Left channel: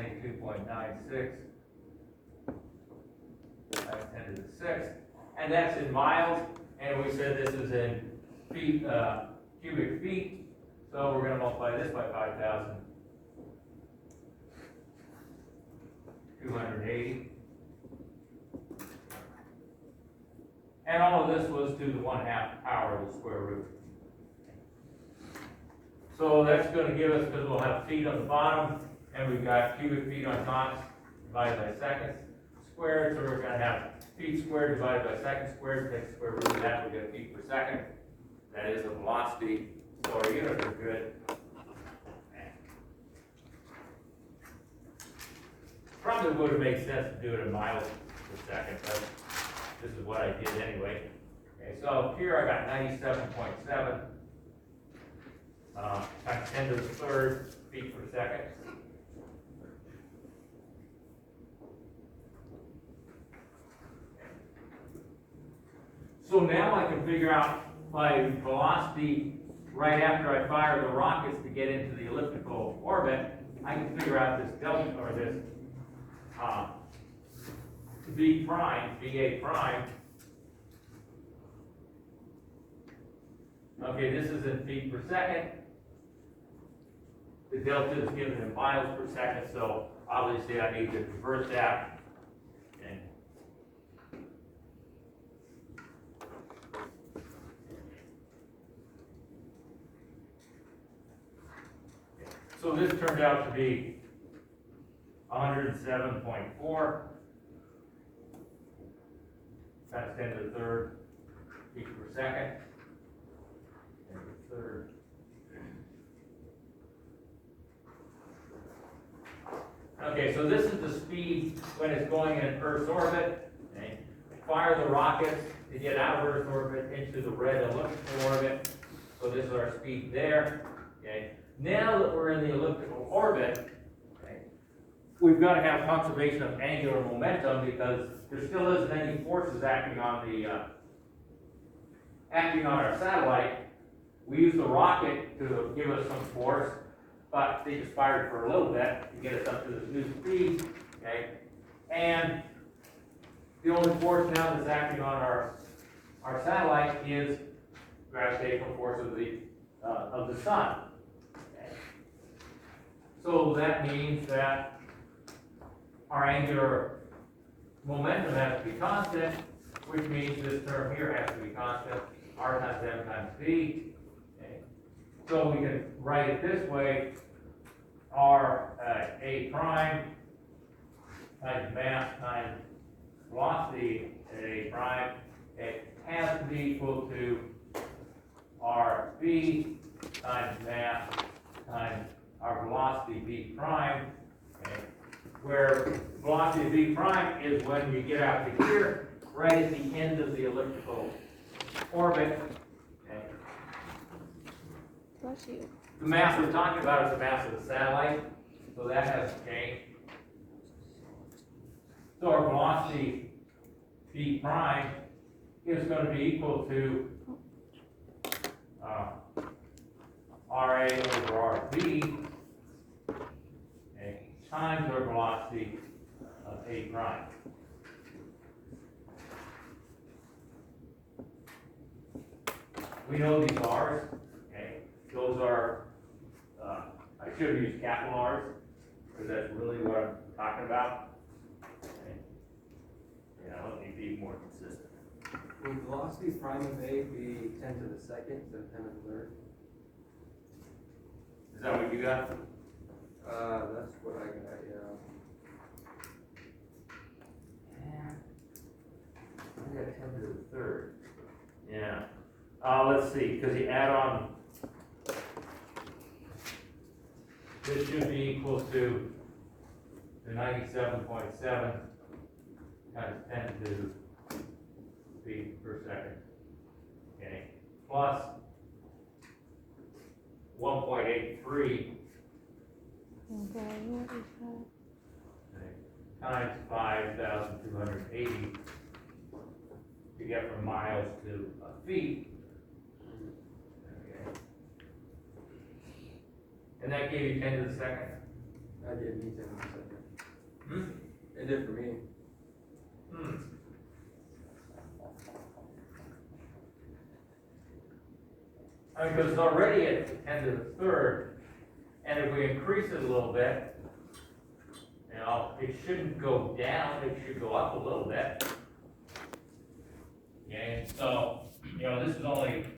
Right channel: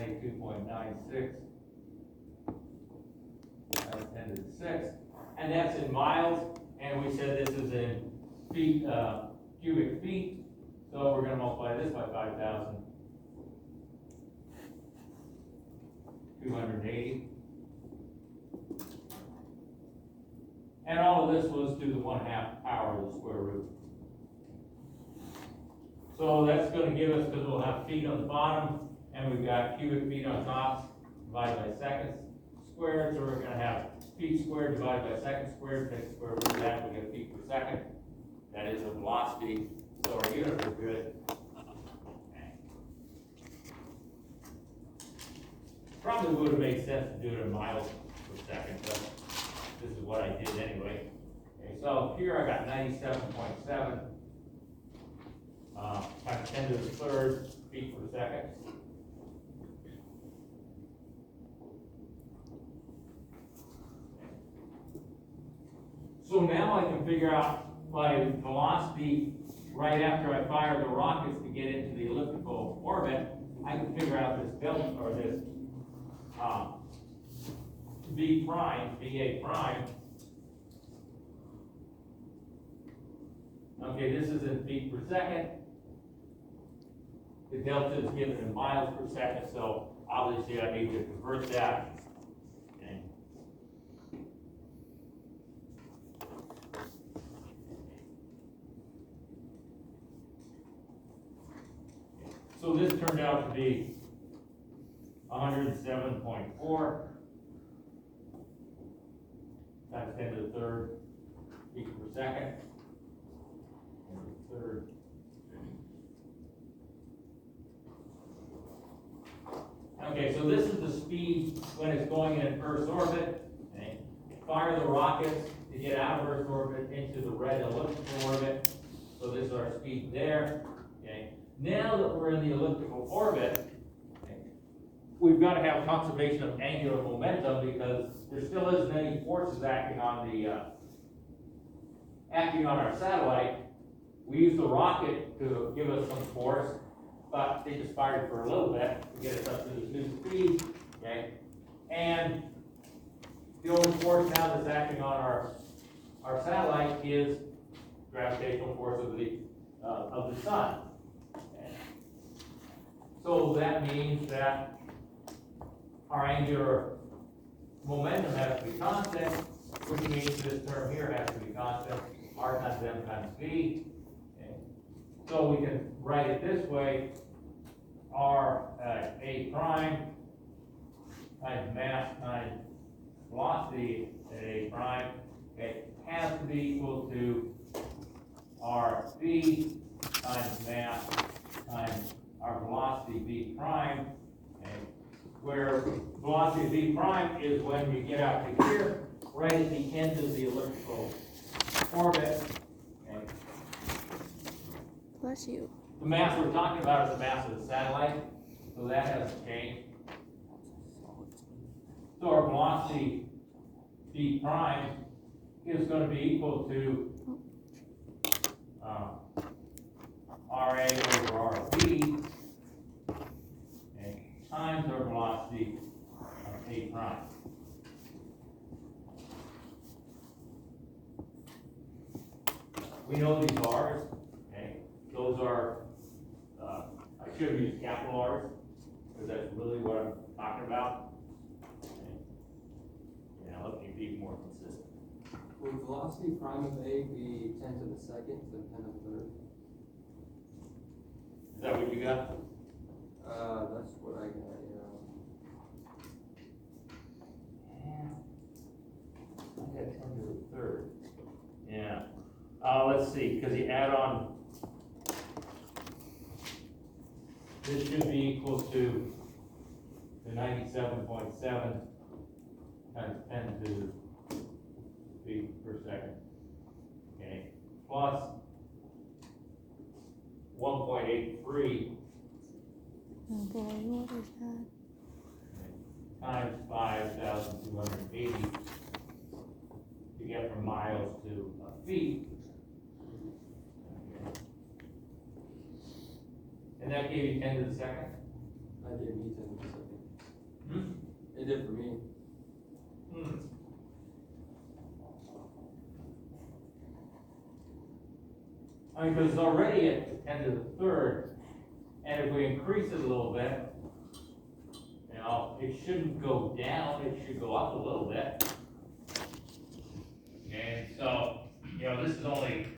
92.96 times 10 to the 6th. And that's in miles, and we said this is in feet, cubic feet. So we're going to multiply this by 5,280. And all of this was to the 1/2 power of the square root. So that's going to give us, because we'll have feet on the bottom, and we've got cubic feet on top, divided by seconds squared. So we're going to have feet squared divided by seconds squared, take the square root of that, we get feet per second. That is the velocity. So our units are good. Probably would have made sense to do it in miles per second, but this is what I did anyway. Okay, so here I got 97.7 times 10 to the 3rd feet per second. So now I can figure out my velocity right after I fire the rockets to get into the elliptical orbit. I can figure out this delta, or this V prime, VA prime. Okay, this is in feet per second. The delta is given in miles per second, so obviously I need to convert that. Okay. So this turned out to be 107.4 times 10 to the 3rd feet per second. And the 3rd. Okay, so this is the speed when it's going in Earth's orbit. Okay. Fire the rockets to get out of Earth's orbit into the red elliptical orbit. So this is our speed there. Okay. Now that we're in the elliptical orbit, okay, we've got to have conservation of angular momentum because there still isn't any forces acting on our satellite. We use the rocket to give us some force, but they just fired for a little bit to get us up to this new speed. Okay, and the only force now that's acting on our satellite is gravitational force of the sun. So that means that our angular momentum has to be constant, which means this term here has to be constant, r times m times v. Okay. So we can write it this way, r a prime times mass times velocity at a prime, it has to be equal to r v times mass times our velocity v prime, okay, where velocity v prime is when you get out to here, right at the end of the elliptical orbit. Okay. Bless you. The mass we're talking about is the mass of the satellite, so that hasn't changed. So our velocity v prime is going to be equal to RA over RV, okay, times our velocity of A prime. We know these R's, okay, those are, I should have used capital R's, because that's really what I'm talking about. Okay. Yeah, let me be more consistent. Would velocity prime of A be 10 to the 2nd instead of 10 to the 3rd? Is that what you got? That's what I got, yeah. I got 10 to the 3rd. Yeah. Let's see, because the add-on, this should be equal to the 97.7 times 10 to feet per second. Okay. Plus 1.83 Okay, what is that? times 5,280 to get from miles to feet. Okay. And that gave you 10 to the 2nd. I gave me 10 to the second. Hmm? It did for me. I mean, because it's already at 10 to the third, and if we increase it a little bit, you know, it shouldn't go down, it should go up a little bit. Okay, so, you know, this is only